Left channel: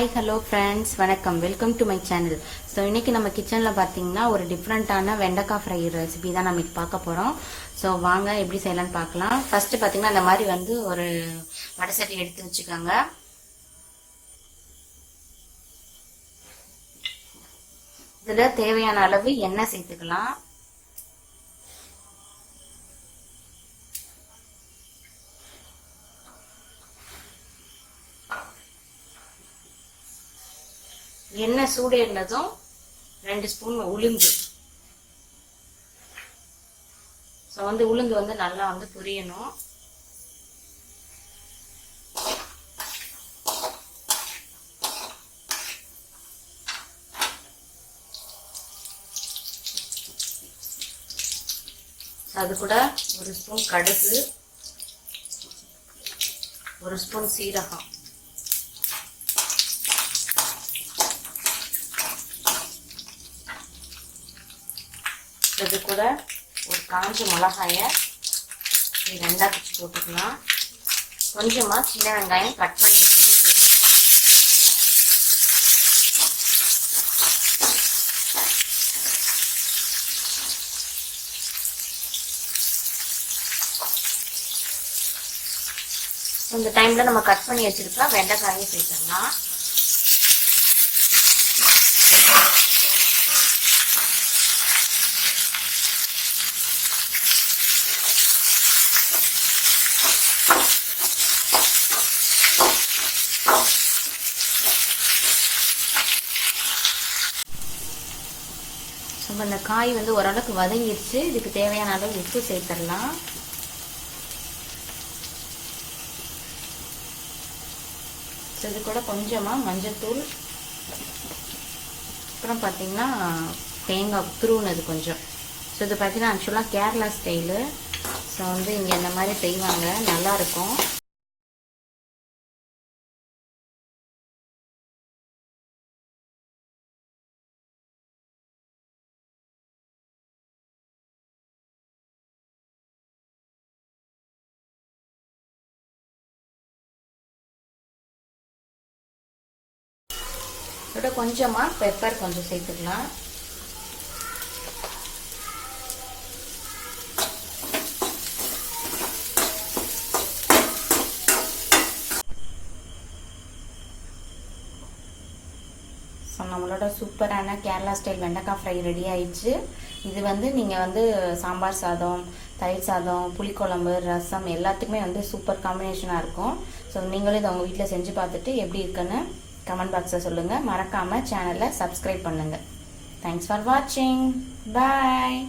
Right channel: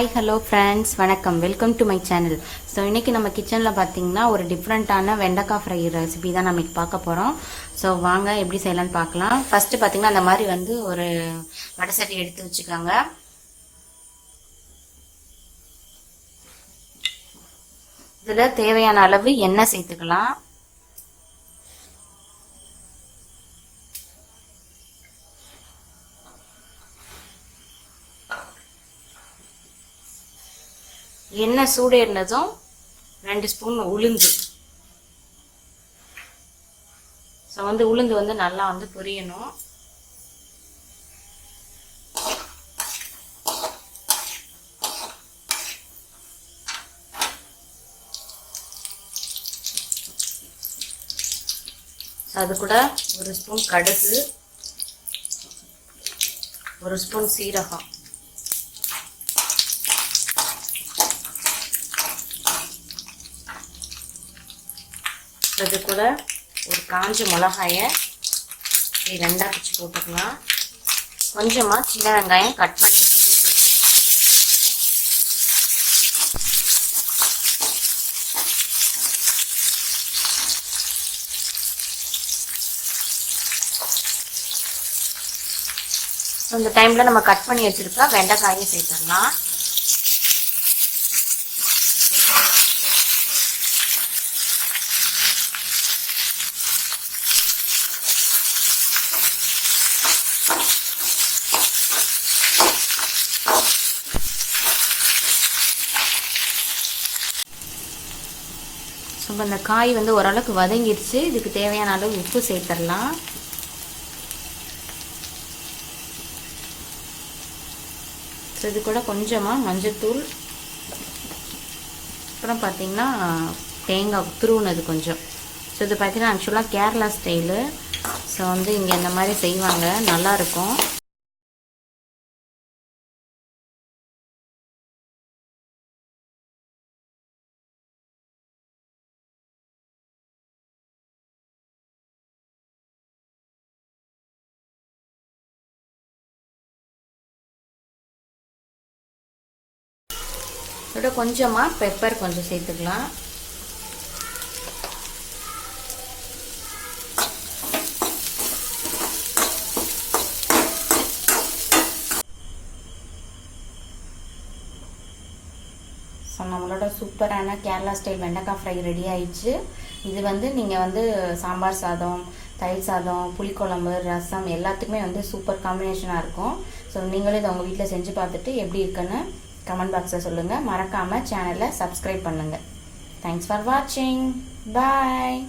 Hi hello friends, வணக்கம். Welcome to my channel. So இன்னைக்கு நம்ம கிச்சனில் பார்த்தீங்கன்னா ஒரு டிஃப்ரெண்ட்டான வெண்டைக்காய் ஃப்ரை ரெசிபி தான் நம்ம பார்க்க போகிறோம். ஸோ வாங்க எப்படி செய்யலாம்னு பார்க்கலாம். ஃபர்ஸ்ட் பார்த்தீங்கன்னா அந்த மாதிரி வந்து ஒரு வடை சட்டி எடுத்து வச்சுக்கோங்க. இதில் தேவையான அளவு எண்ணெய் சேர்த்துக்கலாம். எண்ணெய் சூடேறினதும் 2 ஸ்பூன் உளுந்து. ஸோ வந்து உளுந்து வந்து நல்லா வந்து பொரியணும். அது கூட 1 ஸ்பூன் கடுகு, 1 ஸ்பூன் சீரகம், இது கூட ஒரு காஞ்ச மிளகாயை ரெண்டா பிச்சு போட்டுக்கலாம். கொஞ்சமா சின்ன வெங்காயம் கட் பண்ணி சேர்த்துக்கலாம். இந்த டைம்ல நம்ம கட் பண்ணி வச்சிருக்கா வெண்டைக்காயும் சேர்த்துக்கலாம். அந்த காய் வந்து ஓரளவுக்கு வதங்கிடுச்சு. இதுக்கு தேவையான அளவு உப்பு சேர்த்துடலாம். இது கூட கொஞ்சமா மஞ்சத்தூள், அப்புறம் பார்த்தீங்கன்னா தேங்காய் துருவுனது கொஞ்சம். ஸோ இது பார்த்தீங்கன்னா ஆக்சுவலாக கேரளா ஸ்டைலு. ஸோ வந்து இங்கே இந்த மாதிரி செய்வாங்க, நல்லா இருக்கும். இதோட கொஞ்சமா பெப்பர் கொஞ்சம் சேர்த்துக்கலாம். நம்மளோட சூப்பரான கேரளா ஸ்டைல் வெண்டைக்காய் ஃப்ரை ரெடி ஆயிடுச்சு. இது வந்து நீங்கள் வந்து சாம்பார் சாதம், தயிர் சாதம், புளிக்குழம்பு, ரசம் எல்லாத்துக்குமே வந்து சூப்பர் காம்பினேஷனாக இருக்கும். ஸோ நீங்களும் இதை உங்கள் வீட்டில் செஞ்சு பார்த்துட்டு எப்படி இருக்குன்னு கமெண்ட் பாக்ஸில் சொல்லுங்கள். மறக்காமல் சேனலை சப்ஸ்கிரைப் பண்ணுங்கள். தேங்க்ஸ் ஃபார் வாட்சிங். பாய்.